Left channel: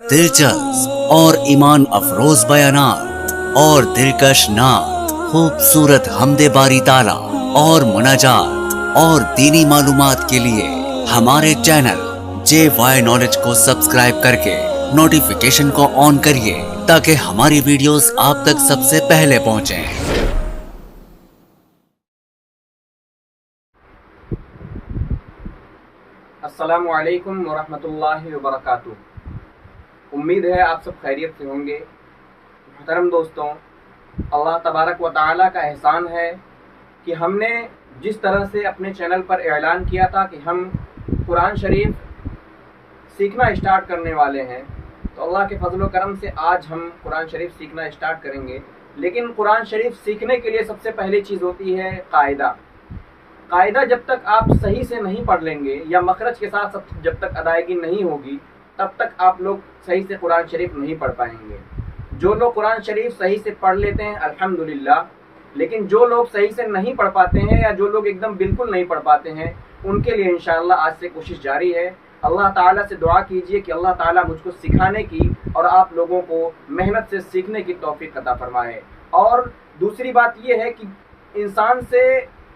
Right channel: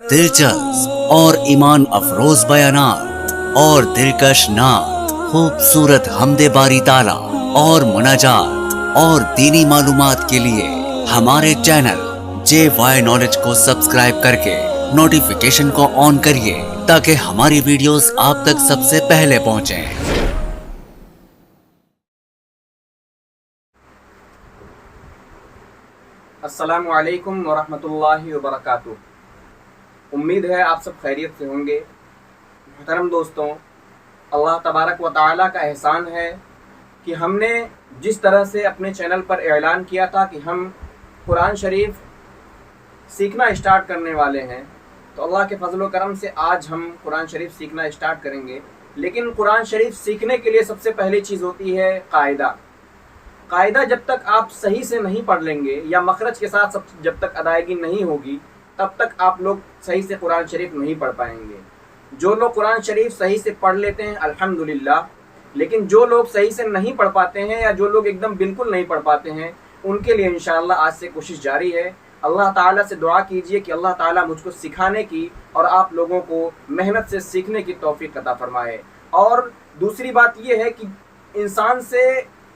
दिलचस्प और ईमान अफरोज बयानात और दिलकश नात, खूबसूरत हमदे बारी ताला और मुनाजात और दीनी मालूमात के लिए हमारे चैनल JY नॉलेज को सब्सक्राइब करके नोटिफिकेशन को ऑन करिए ताकि हमारी वीडियोस आप तक सबसे पहले पहुंचें। अस्सलामु अलैकुम वरहमतुल्लाहि वबरकातुह। उम्मीद है आप सब खैरियत से होंगे। मोहतरम दोस्तों, अल्लाह तबारक व तआला का एहसान है कि हमने जिस तरह से अपने चैनल पर ऐलान किया था कि हम कुरान शरीफ सीखना स्टार्ट करने वाले हैं, तो अल्लाह के फजल व करम से आज हम कुरान शरीफ सीखना स्टार्ट करेंगे। लेकिन कुरान शरीफ सीखने के लिए सबसे पहली चीज़ होती है कायदा। कायदा जब तक आप सही से नहीं पढ़ लेंगे या मखरज के साथ जब तक अदायगी नहीं होगी, तब तक आप लोग सही से कुरान शरीफ नहीं पढ़ पाएंगे। जो लोग कुरान शरीफ सही से पढ़ लेते हैं अल्हम्दुलिल्लाह, लेकिन जो लोग सही से नहीं पढ़ पाते हैं या जो लोग एकदम बिल्कुल नहीं पढ़ पाते हैं, उनके लिए इंशाअल्लाह आज से कोशिश जारी है। अल्लाह ताला से दुआ कीजिए कि अल्लाह ताला मुझको सिखाने की और आप लोगों को मेहनत से सीखने की तौफीक अता फरमाए। और दूसरी बात यह है कि इंसान से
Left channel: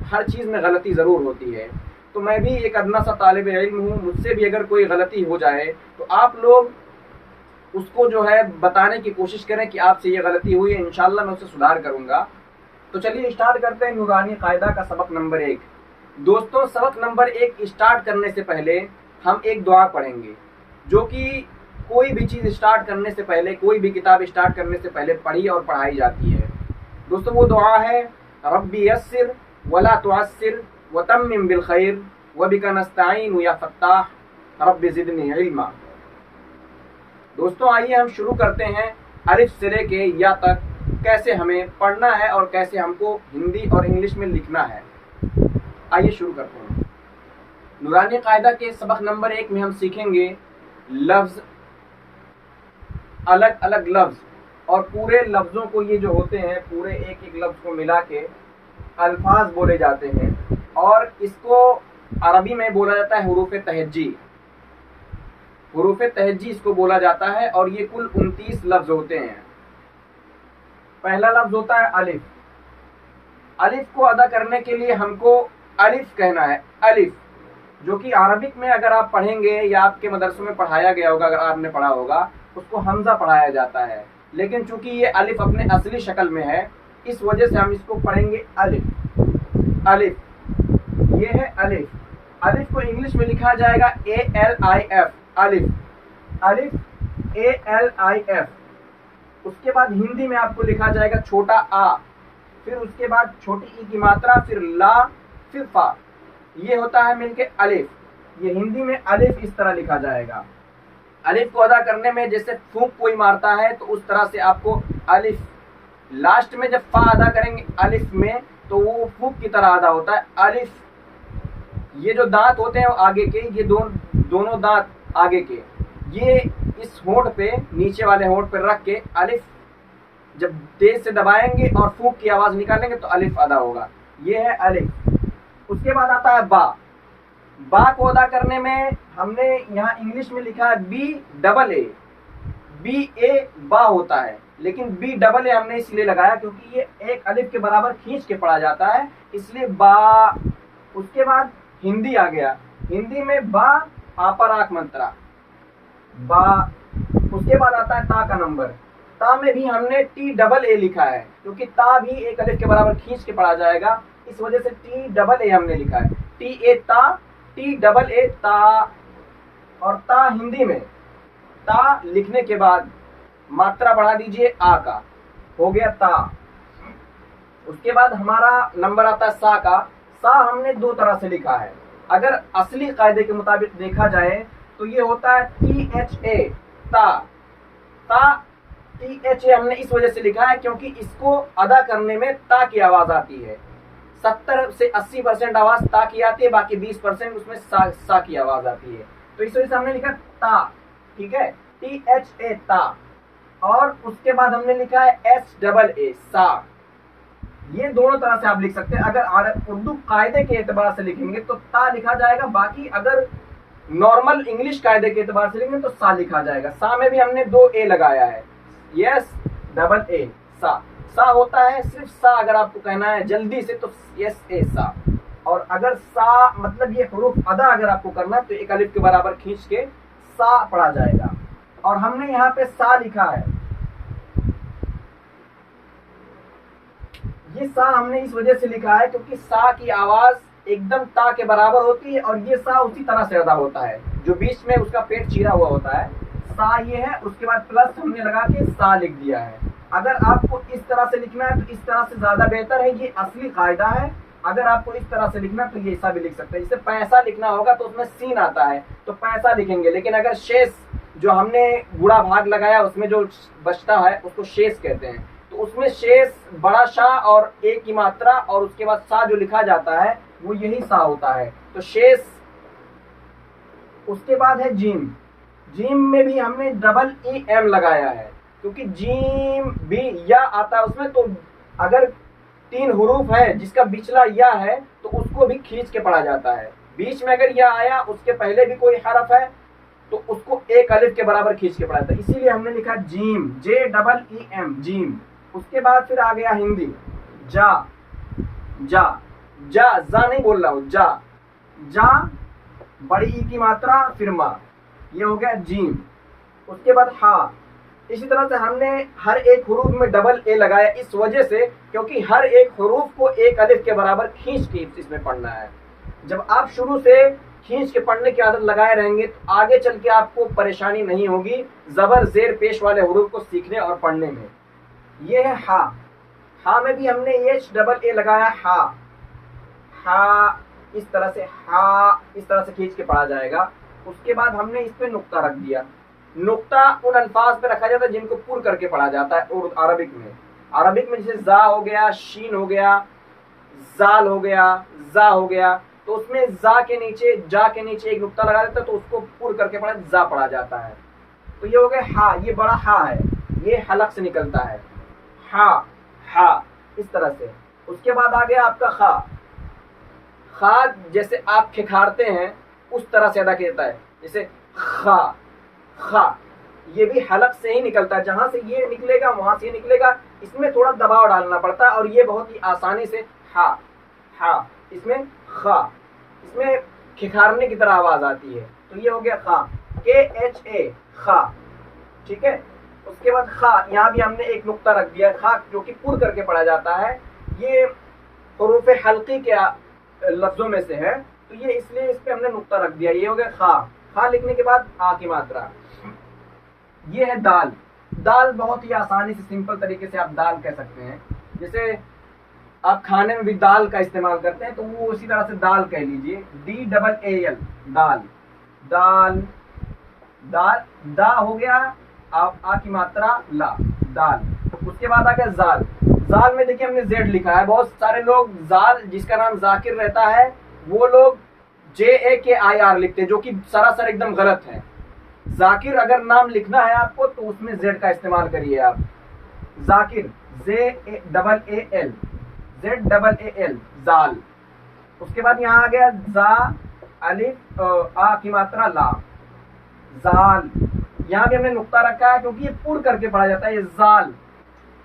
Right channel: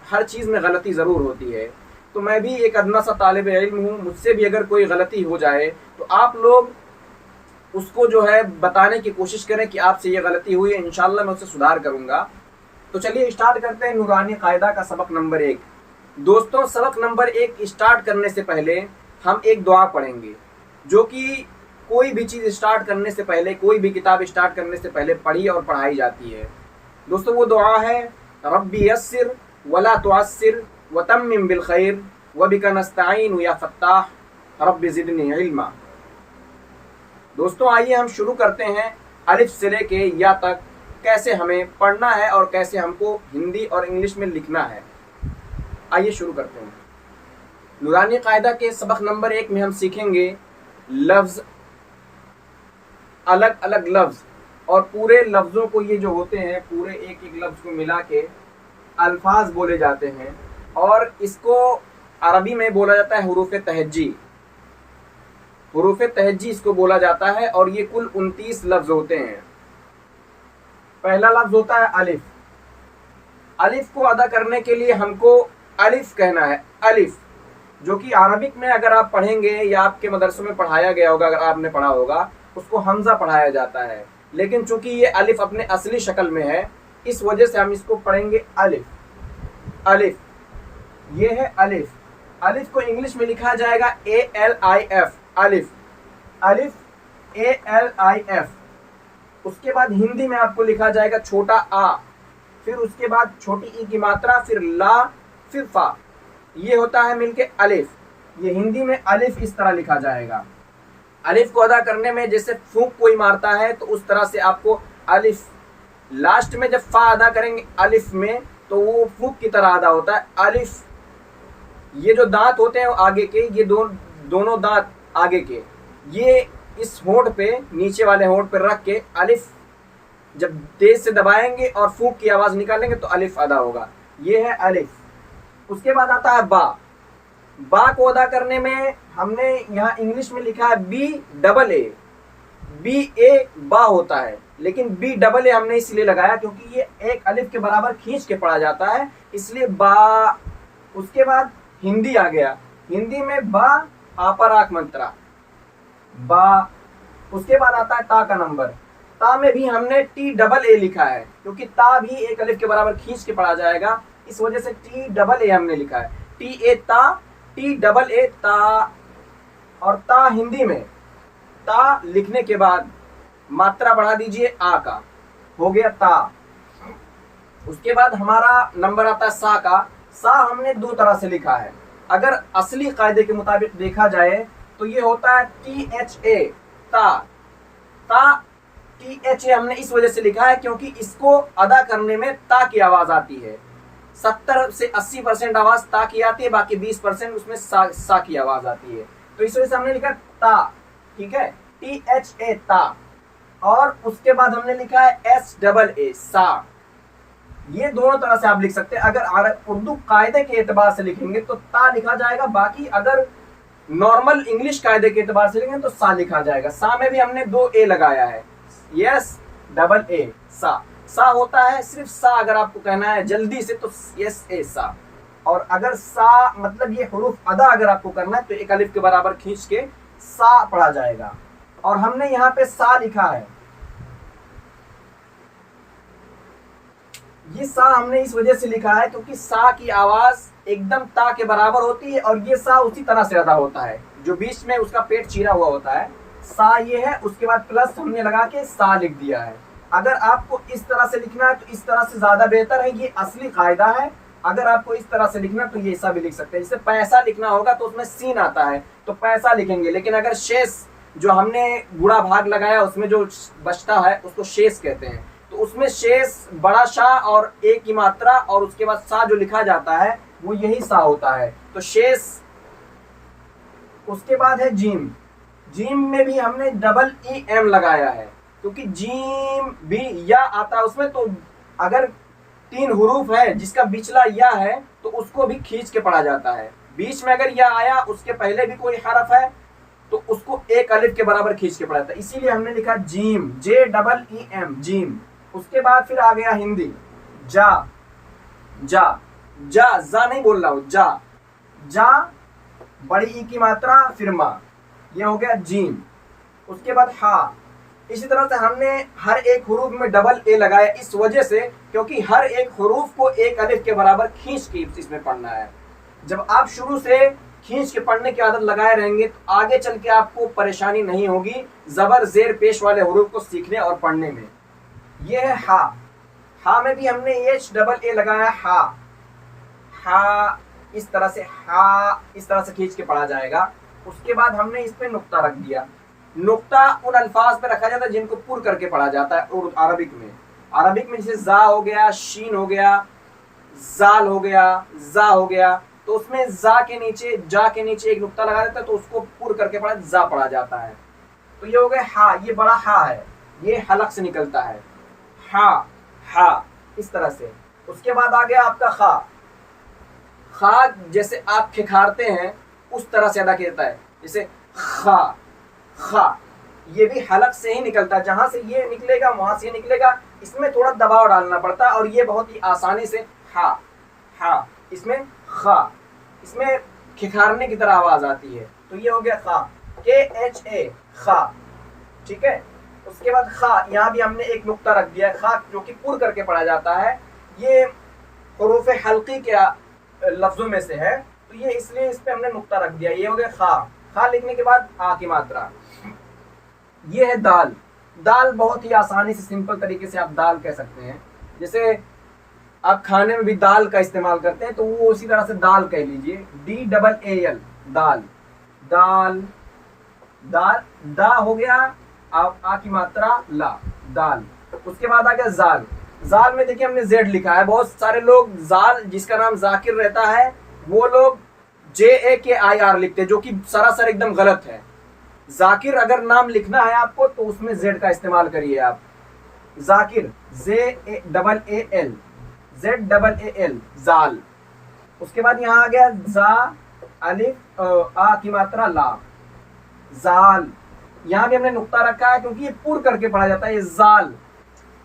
हर चीज़ में गलती ज़रूर होती है, तो मैं भी एक अदना सा तालिब इल्म हूँ। मुझसे भी अगर कोई गलती हो जाए तो आप लोग उसको जो है बताने की कोशिश करें कि आपसे ये गलती हुई है, इंशाअल्लाह मैं उससे सुधार करूँगा। तो चलिए स्टार्ट करते हैं नूरानी कायदा का सबक नंबर 1। दोस्तों, सबक नंबर 1 स्टार्ट करने से पहले हम एक दुआ पढ़ेंगे, जो कि कोई भी चीज़ स्टार्ट करने से पहले, कोई भी किताब स्टार्ट करने से पहले पढ़ी और पढ़ाई जाती है। दोस्तों, वो दुआ है रब्बी यस्सिर वला तुअस्सिर वतम्मिम बिल खैर वबिका नस्तईन या फत्ताह रब्बि ज़िदनी इल्मा। दोस्तों, आइए हम शुरू करते हैं अलिफ से लेके या तक कैसे हमें पढ़ना है और कैसे हमको हिंदी और इंग्लिश में लिखना है। आइए शुरू करते हैं। नूरानी कायदा के सबक नंबर 1 में हम सीखेंगे लफ्ज़, अलग अलग लफ्ज़, और पूरे लफ्ज़ों को, ये जो होते हैं पूरे एक एक लफ्ज़ को मिला के अल्फाज बोले जाते हैं, और इसको अरबी में बोला जाता है हुरूफ तहज्जी। हुरूफ तहज्जी इसको बोला जाता है, और ये कुल 29 लफ्ज़ होते हैं। पहला लफ्ज़ होता है अलिफ। अलिफ को अदा करने के लिए हमको अलिफ कहना है। अलिफ, जो कि अरबिक में अगर आप पढ़ेंगे या आपके मदरसों में पढ़ाया गया होगा, अगर आपने पढ़ा होगा, उसको हमज़ा पढ़ाया जाता है। लेकिन चूंकि ये अलिफ अपने असली शक्ल में है, इस वजह से हम इसको पढ़ेंगे अलिफ। अलिफ, ये है अलिफ। अलिफ को इंग्लिश में लिखा जाएगा ALIF। अलिफ, अलिफ ALIF। उसके बाद हिंदी में आपको लिखा जाएगा छोटा आ, फिर उसके बाद छोटी ई की मात्रा, फिर ला, फिर फा। ये होता है मिलके अलिफ। ये हिंदी में अलिफ इस तरह लिखा जाएगा। अलिफ को अदा करने में जैसे फूंक कोई मारता है, तो उस तरह से आपको अलिफ, लास्ट में जब फा अदा करेंगे अलिफ में, तो वो फूंक की तरह अदा होता है अलिफ। ये जो दांत होते हैं आगे के, ये दोनों दांत आगे के, ये इस होंठ पे, नीचे वाले होंठ पे रख के अलिफ जब तेज से दबाएंगे और फूंक की आवाज़ निकालेंगे तो अलिफ अदा होगा। ये है अलिफ। उसके बाद आता है बा। बा को अदा करने में हमने यहाँ इंग्लिश में लिखा है BAA। BA बा होता है, लेकिन BAA हमने इसलिए लगाया क्योंकि ये एक अलिफ के बराबर खींच के पढ़ा जाता है, इसलिए बा। उसके बाद हिंदी आ गया। हिंदी में बा आपराक मंत्रा, बा। उसके बाद आता है ता का नंबर। ता में भी हमने TAA लिखा है, क्योंकि ता भी एक अलिफ के बराबर खींच के पढ़ा जाएगा, इस वजह से TAA हमने लिखा है। TA ता, TAA ता। और ता हिंदी में, ता लिखने के बाद मात्रा बढ़ा दीजिए आ का, हो गया ता। उसके बाद हमारा नंबर आता है सा का। सा हमने 2 तरह से लिखा है। अगर असली कायदे के मुताबिक देखा जाए तो ये होता है THA, ता। ता THA हमने इस वजह से लिखा है क्योंकि इसको अदा करने में ता की आवाज आती है। 70 से 80% आवाज ता की आती है, बाकी 20% उसमें सा की आवाज आती है, तो इस वजह से हमने लिखा ता। ठीक है, THA ता। और उसके बाद हमने लिखा है SAA सा। ये दोनों तरह से आप लिख सकते हैं। अगर उर्दू कायदे के एतबार से लिखेंगे तो ता लिखा जाएगा, बाकी अगर नॉर्मल इंग्लिश कायदे के एतबार से लिखेंगे तो सा लिखा जाएगा। सा में भी हमने 2 ए लगाया है, यस डबल ए सा। सा होता है सिर्फ सा, अगर आपको कहना है जल्दी से तो यस ए सा। और अगर सा मतलब ये हुरूफ अदा अगर आपको करना है तो एक अलिफ के बराबर खींच के सा पढ़ा जाएगा। और हमने यहाँ पे सा लिखा है, ये सा हमने इस वजह से लिखा है क्योंकि सा की आवाज एकदम ता के बराबर होती है और ये सा उसी तरह से अदा होता है, जो बीच में उसका पेट चीरा हुआ होता है। सा ये है, उसके बाद प्लस हमने लगा के सा लिख दिया है। अगर आपको इस तरह से लिखना है तो इस तरह से ज्यादा बेहतर है, ये असली कायदा है। अगर आपको इस तरह से लिखना तो ये ऐसा भी लिख सकते हैं। जैसे पैसा लिखना होगा तो उसमें सीन आता है तो पैसा लिखेंगे, लेकिन अगर शेष जो हमने गुणा भाग लगाया उसमें जो बचता है उसको शेष कहते हैं। तो उसमें शेष बड़ा शाह और ए की मात्रा और उसके बाद सा जो लिखा जाता है वो यही सा होता है, तो शेष। उसके बाद है जीम। जीम में भी हमने डबल ई एम लगाया है क्योंकि जीम भी या आता है उसमें। तो अगर 3 हुरूफ है जिसका बिचला या है तो उसको भी खींच के पढ़ा जाता है। बीच में अगर या आया उसके पहले भी कोई हरफ है तो उसको एक अलिफ के बराबर खींच के पढ़ा जाता है, इसीलिए हमने लिखा जीम, जे डबल ई एम जीम। उसके बाद फिर आ गया हिंदी, जा जा जा, जा नहीं बोल रहा हूं, जा जा बड़ी ई की मात्रा फिर मा, ये हो गया जीम। उसके बाद हा। इसी तरह से हमने हर एक हुरूफ में डबल ए लगाया इस वजह से क्योंकि हर एक हुरूफ को एक अलिफ के बराबर खींच के इसमें पढ़ना है। जब आप शुरू से खींच के पढ़ने की आदत लगाए रहेंगे तो आगे चल के आपको परेशानी नहीं होगी जबर जेर पेश वाले हुरूफ को सीखने और पढ़ने में। ये है हा। हा में भी हमने एच डबल ए लगाया, हा हा इस तरह से, हा इस तरह से खींच के पढ़ा जाएगा। उसके बाद हमने इस पे नुक्ता रख दिया। नुक्ता उन अल्फाज पे रखा जाता है जिनको पूर करके पढ़ा जाता है और अरबिक में। अरबिक में जैसे जा हो गया, शीन हो गया, जाल हो गया, जा हो गया, तो उसमें जा के नीचे, जा के नीचे एक नुक्ता लगा देता है तो उसको पूर करके पढ़ा जा पढ़ा जाता है। तो ये हो गया हा, ये बड़ा हा है, ये हलक से निकलता है, हा हा इस तरह से। उसके बाद आ गया आपका खा। खा जैसे आप खिखारते हैं उस तरह से अदा किया जाता है, जैसे खा खा, ये भी हलक से ही निकलता है, जहां से ये निकलेगा वहां से ये निकलेगा। इसमें थोड़ा दबाव डालना पड़ता है और ये बहुत ही आसानी से हा हा, इसमें खा, इसमें खिखारने की तरह आवाज आती है। तो ये हो गया खा, के एच ए खा, ठीक है। उसके बाद खा, यहाँ भी हमने एक नुक्ता रख दिया है, खा जो कि पूर करके पढ़ा जाता है। ये हुरूफ हल्की के लफ्जों में से है तो ये इसलिए इस पे हमने नुक्ता रख दिया। ये हो गया खा। खा लिखने के बाद आ की मात्रा। ये है दाल। दाल बहुत ही आसानी से सिंपल तरीके से आप दाल कह सकते हैं। जैसे आप खाने में भी दाल का इस्तेमाल करते हैं तो वो उसी तरह से दाल कह लीजिए, डी डबल ए एल दाल, दाल दाल, दा हो गया, आ की मात्रा ला, दाल। उसके बाद आ गया जाल। जाल में देखिए हमने जेड लिखा है। बहुत सारे लोग जाल जिसका नाम जाकिर रहता है वो लोग JAKIR लिखते हैं, जो कि सरासर एकदम गलत है। जाकिर अगर नाम लिखना है आपको तो उसमें जेड का इस्तेमाल करिए आप। जाकिर ZALL, ZAAL जाल। उसके बाद यहाँ आ गया जा, अलिफ आ की मात्रा ला, जाल। यहाँ भी हमने नुक्ता रखा है क्योंकि ये पूर करके पढ़ा जाता है, ये जाल।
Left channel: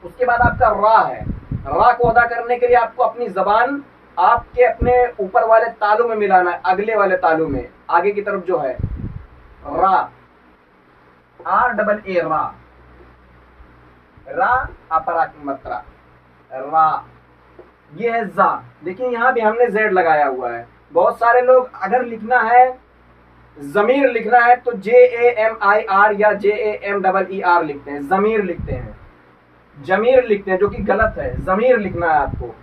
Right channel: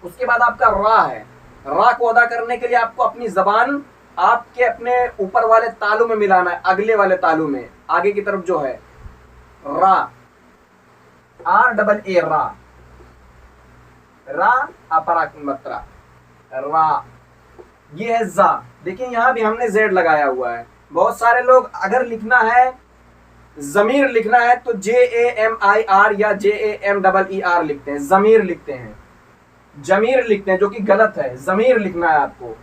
उसके बाद आपका रा है। रा को अदा करने के लिए आपको अपनी जबान आपके अपने ऊपर वाले तालू में मिलाना है, अगले वाले तालू में, आगे की तरफ जो है। रा, आर डबल ए रा, रा अपरा की मात्रा, रा। ये है जा। देखिए यहाँ भी हमने जेड लगाया हुआ है। बहुत सारे लोग अगर लिखना है, जमीर लिखना है तो JAMIR या JAMEER लिखते हैं, जमीर लिखते हैं, जमीर लिखते हैं, जो कि गलत है। जमीर लिखना है आपको,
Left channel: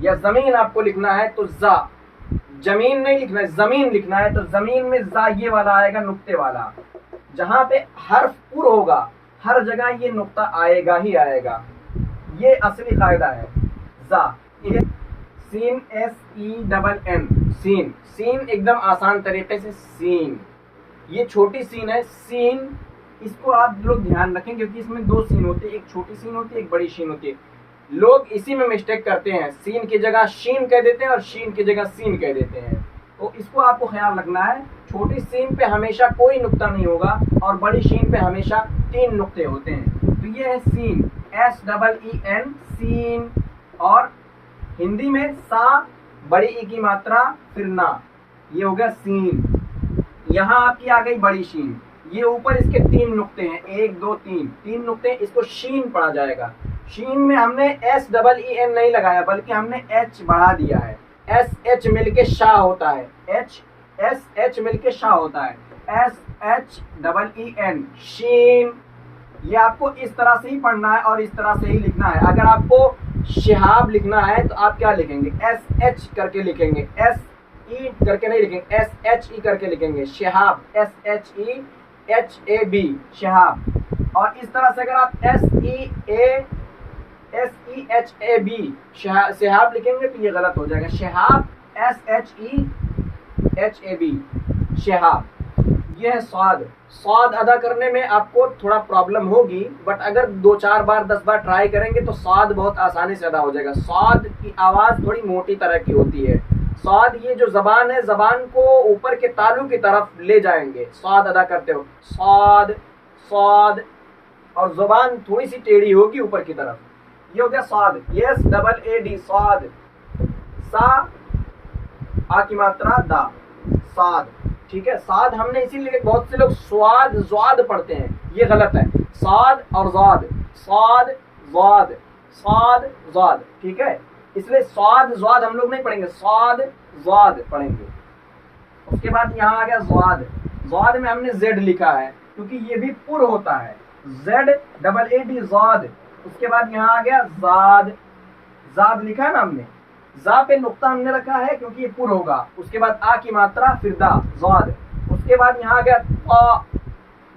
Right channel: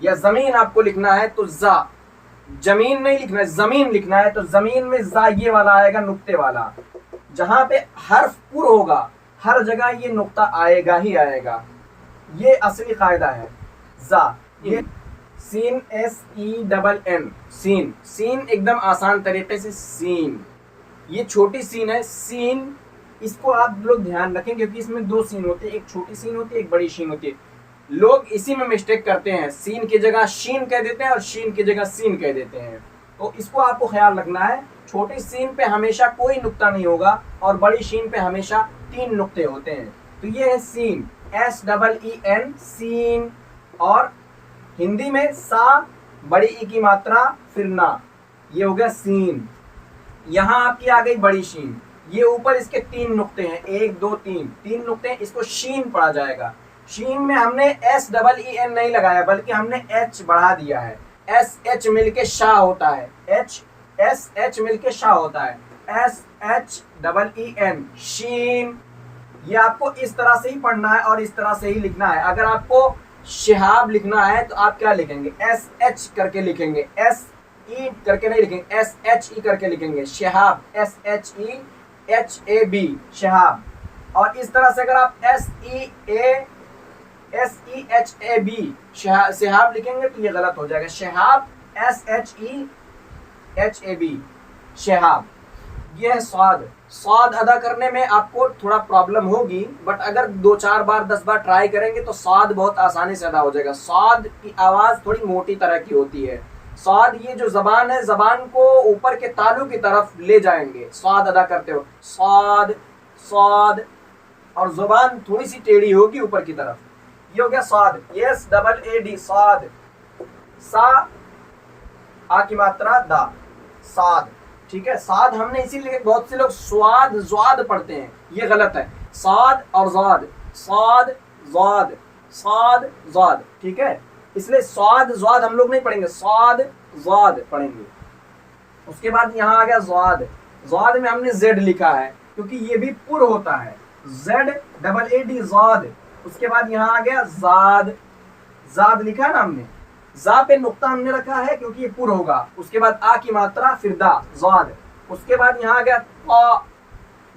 या जमीन आपको लिखना है तो जा, जमीन नहीं लिखना है, जमीन लिखना है तो जमीन में जा ये वाला आएगा, नुक्ते वाला। जहां पे हर्फ पुर होगा हर जगह ये नुक्ता आएगा ही आएगा। ये असली कायदा है। जा, ये सीन SENN, सीन। सीन एकदम आसान तरीके से सीन, ये छोटी सीन है, सीन। इसको आप लोग ध्यान रखें क्योंकि इसमें 2 सीन होते हैं, एक छोटी सीन होती है, एक बड़ी सीन होती है। लोग इसी में मिस्टेक करते हैं, सीन की जगह शीन कह देते हैं और शीन की जगह सीन कह देते हैं। तो इसको आपको ख्याल रखना है। छोटी सीन पे हमेशा कोई नुक्ता नहीं होगा और बड़ी शीन पे हमेशा 3 नुक्ते होते हैं। तो ये है सीन, SEEN, सीन। और हिंदी में सा, बड़ी ई की मात्रा, फिर ना, ये हो गया सीन। यहाँ आपकी आ गई बड़ी शीन। ये ऊपर इसके 3 नुक्ते हैं, 1 2 3, 3 नुक्ते हैं, इसको शीन पढ़ा जाएगा। शीन में हमने SEEN नहीं लगाया बल्कि हमने H बढ़ा दिया है। SH मिलके शाह होता है, SH मिलके शाह होता है, SHEEN, शीन। ये आपको इस तरह से ही पढ़ना है और इस तरह से ही लिखना है। अगर आपको शिहाब लिखना है तो आप क्या लिखेंगे, SH करके लिखेंगे, SE करके नहीं लिखेंगे, SHE करके लिखेंगे, शिहाब, SHEHAB, शिहाब। और इस तरह से अगर आप SEHAB शिहाब लिखेंगे तो ये गलत हो जाएगा, शिहाब, SHEHAB, शिहाब। ये है स्वाद। स्वाद अदा करने में आपको थोड़ा प्रॉब्लम होगी, बट अगर 2-4 बार 10 बार ट्राई करेंगे तो स्वाद बहुत आसानी से अदा हो जाएगा। स्वाद की आवाज़ थोड़ी मोटी तरह की होती है। स्वाद, ये जो जबान है, जबान को ऊपर के तालू की तरफ ले जाएंगे स्वाद अदा करते हो, स्वाद स्वाद, और जबान थोड़ी सी टेढ़ी होगी ऊपर की तरफ। ये हो गया स्वाद, SAAD, स्वाद। सा, आ की मात्रा, दा, साद। ठीक है, साद हमने इसीलिए बहुत से लोग स्वाद ज्वाद पढ़ते हैं, ये गलत है। साद और ज्वाद, साद ज्वाद, साद ज्वाद, ठीक है। इसलिए स्वाद ज्वाद हम लोग नहीं पढ़ेंगे, स्वाद ज्वाद पढ़ेंगे। उसके बाद यहाँ आ गया ज्वाद। ज्वाद में हमने Z लिखा है क्योंकि ये भी पुर होता है, ZAAD, ज्वाद। उसके बाद यहाँ आ गया जाद, जाद लिखा है ना हमने, जा पे नुक्ता हमने रखा है क्योंकि ये पुर होगा। उसके बाद आ की मात्रा, फिर दा, ज़ाद। उसके बाद यहाँ आ गया ता।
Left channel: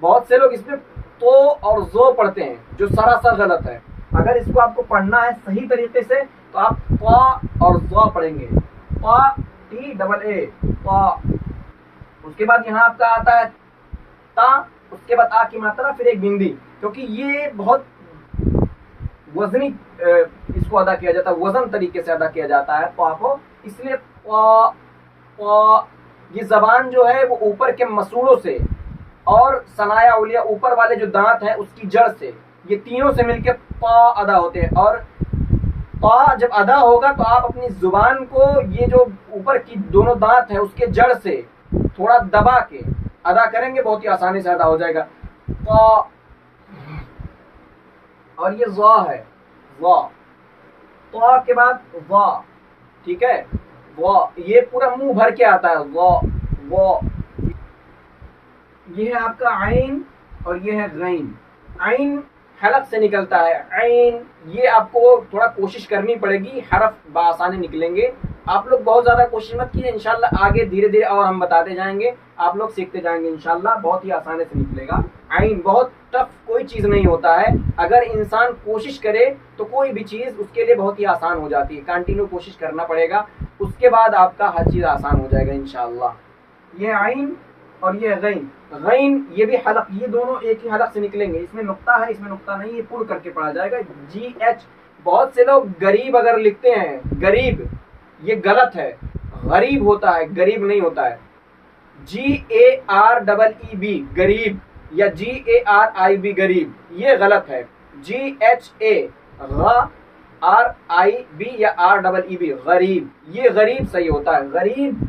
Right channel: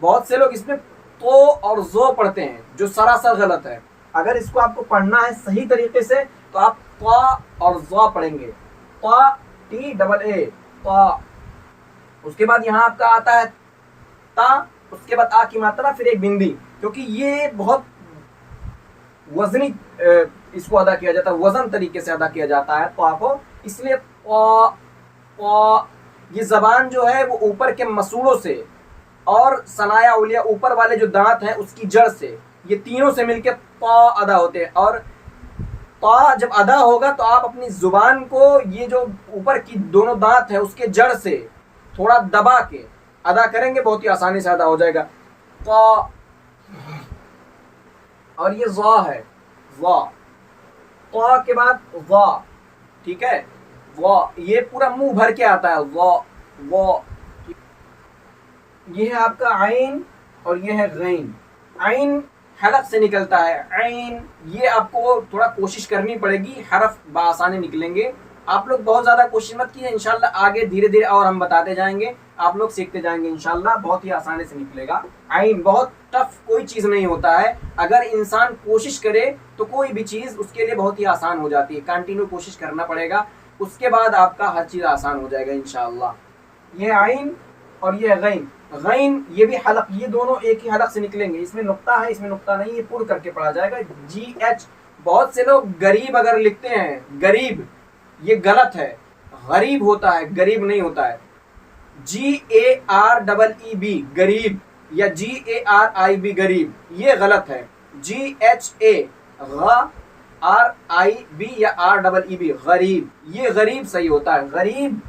बहुत से लोग इसमें तो और जो पढ़ते हैं, जो सरासर गलत है। अगर इसको आपको पढ़ना है सही तरीके से तो आप ता और ज़ा पढ़ेंगे, ता, TAA, ता। उसके बाद यहाँ आपका आता है ता, उसके बाद आ की मात्रा, फिर एक बिंदी, क्योंकि ये बहुत वजनी इसको अदा किया जाता है, वजन तरीके से अदा किया जाता है तो आपको, इसलिए ये जबान जो है वो ऊपर के मसूड़ों से और सनाया उलिया ऊपर वाले जो दांत हैं उसकी जड़ से, ये तीनों से मिलकर पा अदा होते हैं। और पा जब अदा होगा तो आप अपनी जुबान को ये जो ऊपर की दोनों दांत है उसके जड़ से थोड़ा दबा के अदा करेंगे, बहुत ही आसानी से अदा हो जाएगा, पा। और ये ज़ा है, ज़ा, ता के बाद ज़ा, ठीक है, ज़ा। ये पूरा मुंह भर के आता है, ज़ा, ज़ा। ये है आपका आइन और ये है गैन। आइन हलक से निकलता है, आइन। ये आपको थोड़ा कोशिश करनी पड़ेगी, हरफ बआसानी निकलेंगे। आप लोग बहुत ज़्यादा कोशिश मत कीजिए, इंशाल्लाह आगे धीरे धीरे और हम बताते जाएंगे, आप लोग सीखते जाएंगे, इंशाल्लाह बहुत ही आसानी से निकलेगा। आइन बहुत टफ कोई चीज़ नहीं होता है, अगर इंसान कोशिश करे तो कोई भी चीज़ उसके लिए बहुत ही आसान हो जाती है। कंटिन्यू कोशिश करना पड़ेगा, उसके बाद आपका हर चीज़ आसान हो जाएगा इंशाल्लाह। ये आइन और ये गैन। गैन ये भी हलक, ये दोनों एक ही हलक से निकलेंगे, इसमें नुक्ता है, इसमें नुक्ता नहीं, ये पुर करके पढ़ा जाएगा, GH। बहुत से लोग गरीब अगर लिखते हैं, गरीब, ये गलत है, गरीब होता है, गरीब नहीं होता है। GAREEB, गरीब, या GARIB, गरीब, ये गलत है। GHA, RIB या REEB, गरीब, ये गरीब सही होता है। गरीब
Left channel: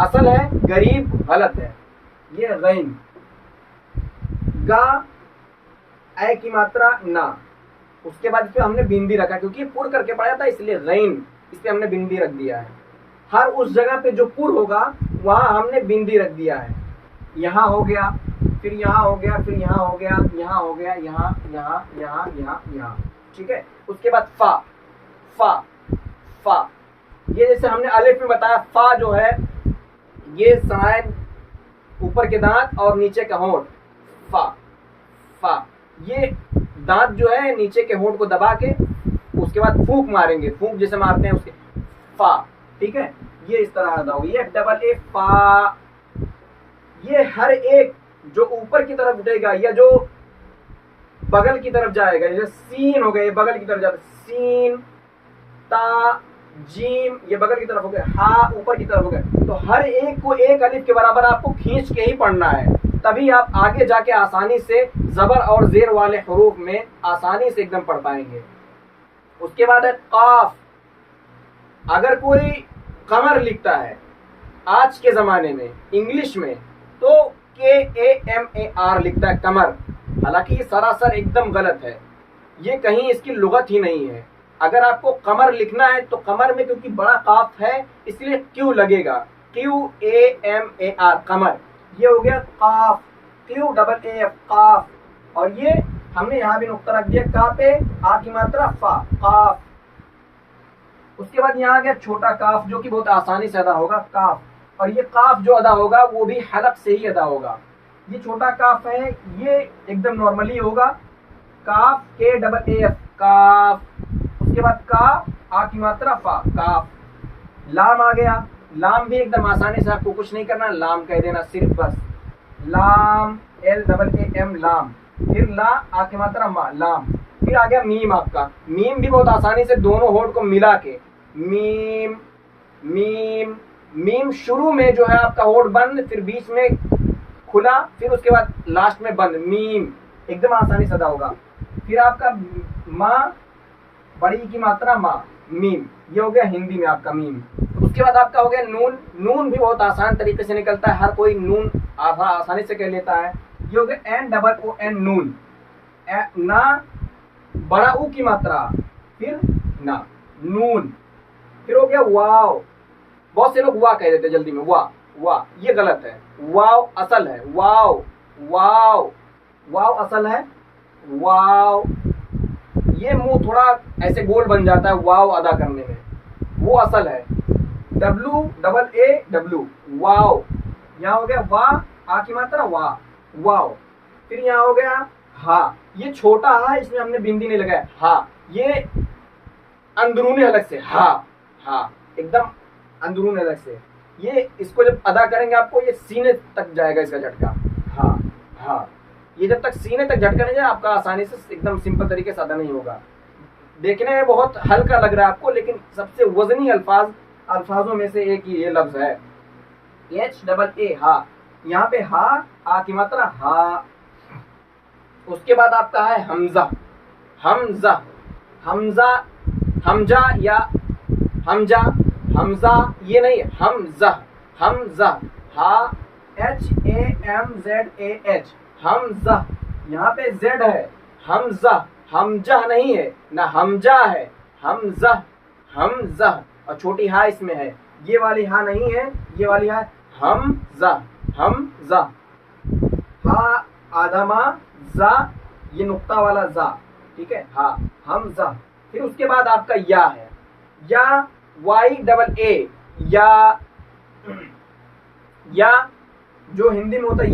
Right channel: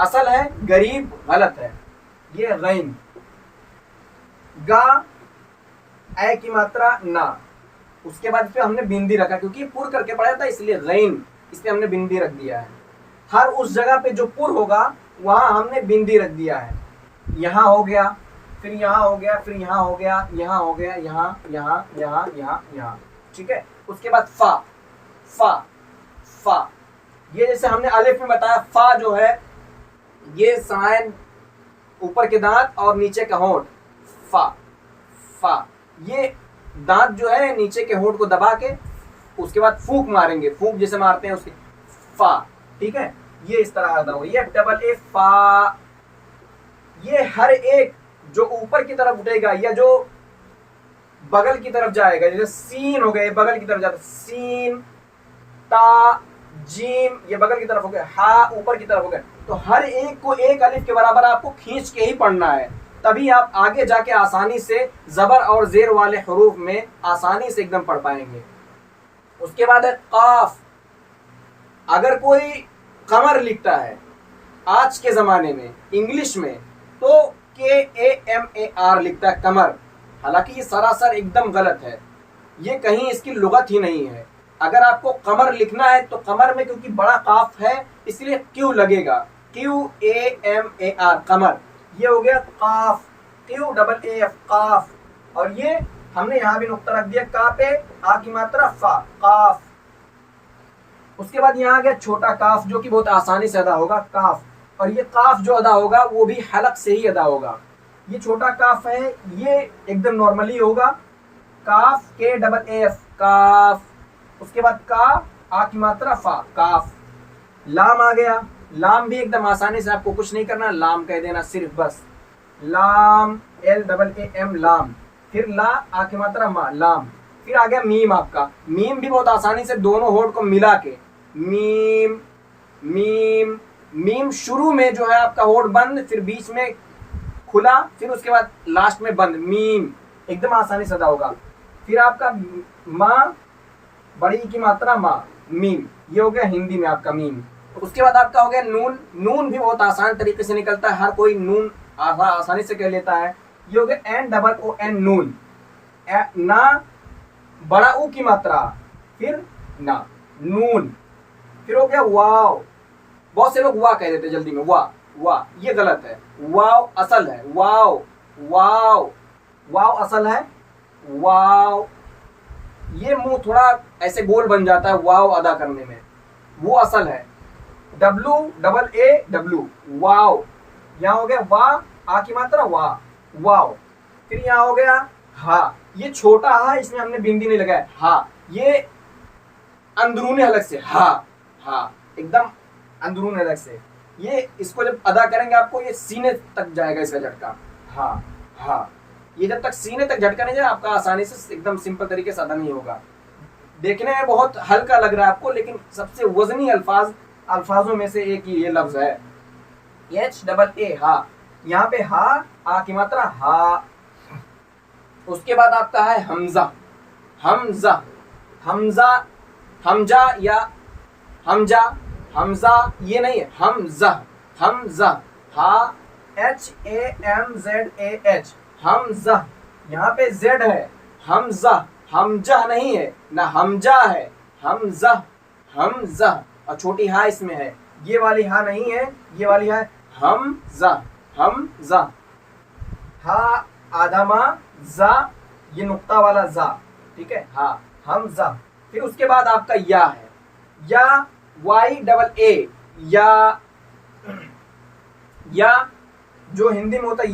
असल है, गरीब गलत है। ये गैन। गा, ए की मात्रा, ना। उसके बाद पे हमने बिंदी रखा क्योंकि पुर करके पढ़ा था, इसलिए गैन, इस पे हमने बिंदी रख दिया है। हर उस जगह पे जो पुर होगा वहां हमने बिंदी रख दिया है। यहाँ हो गया, फिर यहाँ हो गया, फिर यहाँ हो गया, यहाँ हो गया, यहाँ, यहाँ, यहाँ, यहाँ, यहाँ, ठीक है। उसके बाद फा, फा, फा। ये जैसे हमने अलिफ में बताया, फा जो है ये साइन, ऊपर के दांत और नीचे का होंठ, फा, फा। ये दांत जो है नीचे के होंठ को दबा के उसके बाद फूंक मारेंगे, फूंक जैसे मारते हैं उसके, फा, ठीक है। ये इस तरह अदा हो, ये डबल ए, फा। ये हर एक जो ऊपर की तरफ उठेगा या जो बगल की तरफ जाएगा, जैसे सीन हो गए, बगल की तरफ जाता, सीन, ता, जीम ये बगल की तरफ हो गया, हा ऊपर की तरफ हो गया। तो हर एक को एक अलिफ के बराबर आपको खींच के ही पढ़ना है, तभी आप आगे जाके आसानी से जबर और जेर वाले हरूफ में आसानी से एकदम पढ़ पाएंगे। उसके बाद है काफ। अगर कोई कमर लिखता है आज के जमाने में इंग्लिश में तो KAMAR लिखता है कमर, हालांकि ये सरासर एकदम गलत है, ये कहीं इसकी लुगत ही नहीं है। अगर आपको कमर लिखना है तो कमर में क्योंकि बड़ा काफ है इसलिए क्यू लगेगा, QAMAR कमर। ये हो गया काफ, QAAF काफ। और ये हमने यहाँ भी नुक्ता रख दिया, का पे आ की मात्रा फा, काफ। उसके बाद यहाँ आ गया छोटा काफ जो कि बहुत आसानी से अदा होगा, काफ। और ये काफ जो अदा होगा वो भी हलक से ही अदा होगा। ये छोटा काफ है, ये एकदम नॉर्मली होगा, काफ KAAF काफ। उसके बाद का आ की मात्रा फा, काफ। लाम आ गया, लाम भी एकदम आसानी से, आपको कुछ नहीं करना, लाम कह देना सिर्फ बस, लाम LAAM लाम। फिर ला आ की मात्रा मा, लाम। फिर आ गया मीम आपका, मीम भी बहुत आसानी से दोनों होठ को मिला के, मीम मीम मीम। शुरू में जो है आपका होठ बंद, फिर बीच में खुला, फिर उसके बाद लास्ट में बंद, मीम एकदम आसानी से अदा होगा। फिर आपका माँ बड़ी की मात्रा माँ, मीम। ये हो गया हिंदी में आपका मीम। उसके बाद आपका हो गया नून। नून भी बहुत आसान तरीके से निकलता है, हर कोई नून आसानी से कह लेता है। ये हो गया NOON नून। ना बड़ा ऊ की मात्रा, फिर ना, नून। फिर हो गया वाव। बहुत से लोग वाह कह देते जल्दी में, वाह वाह, ये गलत है, वाव असल है, वाव वाव, वाव असल है, वाव। ये मुंह थोड़ा ऐसे गोल बन जाता है वाव अदा करने में, वो असल है, WAAW वाव। यहाँ हो गया वाह आ की मात्रा वाह, वाव। फिर यहाँ हो गया हा, ये छोटा हा, इसमें हमने बिंदी नहीं लगाया, हा। ये अंदरूनी हलक से हा, हा एकदम अंदरून अलग से। ये इसको जब अदा करेंगे आपको ये सीने तक जाएगा इसका झटका, हाँ हाँ। ये जब तक सीने तक झटका नहीं जाए आपका आसानी से एकदम सिंपल तरीके से अदा नहीं होगा। देखने में बहुत हल्का लग रहा है आपको, लेकिन सबसे वजनी अल्फाजों में से एक ये लफ्ज है, HAA हा। यहाँ पे हा आ की मात्रा हा। उसके बाद आपका है हमजा। हमजा हमजा हमजा या हमजा, हमजा ये नहीं है, हमजा हमजा, हा HAMZAH हमजा। यहाँ पे Z है, हमजा, हमजा नहीं है ना, हमजा है, हमजा हमजा। और छोटी हा इसमें है, ये वाली हा नहीं है, ये वाली है हमजा हमजा। हा आदमा जा, ये नुक्ता वाला जा, ठीक है, हा हमजा। फिर उसके बाद आपका या है, या YAA या जो हिंदी में होता है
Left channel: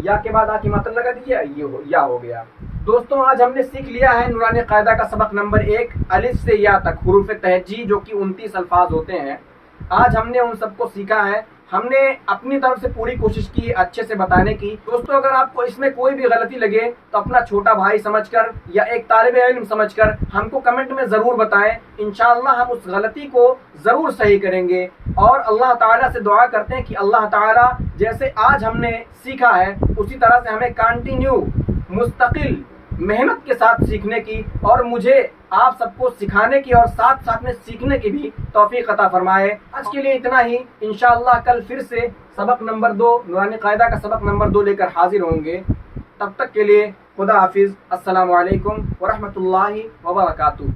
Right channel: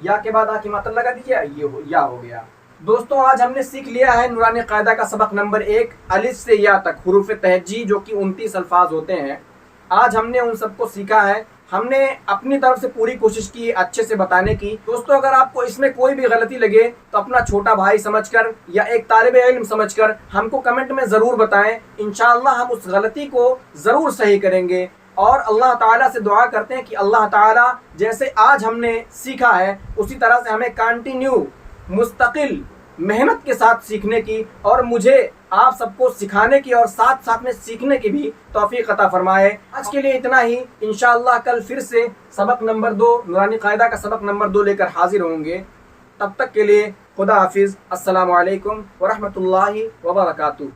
या के बाद आ की मात्रा लगा दीजिए, ये या हो गया। दोस्तों आज हमने सीख लिया है नूरानी कायदा का सबक नंबर 1 अलिफ से या तक हुरूफ तहज्जी जो कि 29 अल्फाज होते हैं। आज हमने उन सबको सीखा है, हमने अपनी तरफ से पूरी कोशिश की अच्छे से बताने की। दोस्तों अगर आपको इसमें कोई भी गलती लगे तो अपना छोटा भाई समझकर या एक तालिबे इल्म समझकर हमको कमेंट में ज़रूर बताएं। इंशाअल्लाह हम उस गलती को ज़रूर सही करेंगे और अल्लाह ताला से दुआ करते हैं कि अल्लाह ताला जैसे आज हमने सीखा है उसी तरह से हमें कंटिन्यू मुस्तकिल मेहनत के साथ सीखने की और मुझे आप सबको सिखाने की और साथ साथ में सीखने की भी तौफीक अता फरमाए। आज के लिए इतना ही, इंशाअल्लाह कल फिर से सबक नंबर 2 नूरानी कायदा का सबक नंबर 2 लेकर हाजिर होंगे। तब तक के लिए खुदा हाफिज़, अस्सलामु अलैकुम व रहमतुल्लाहि व बरकातुहू।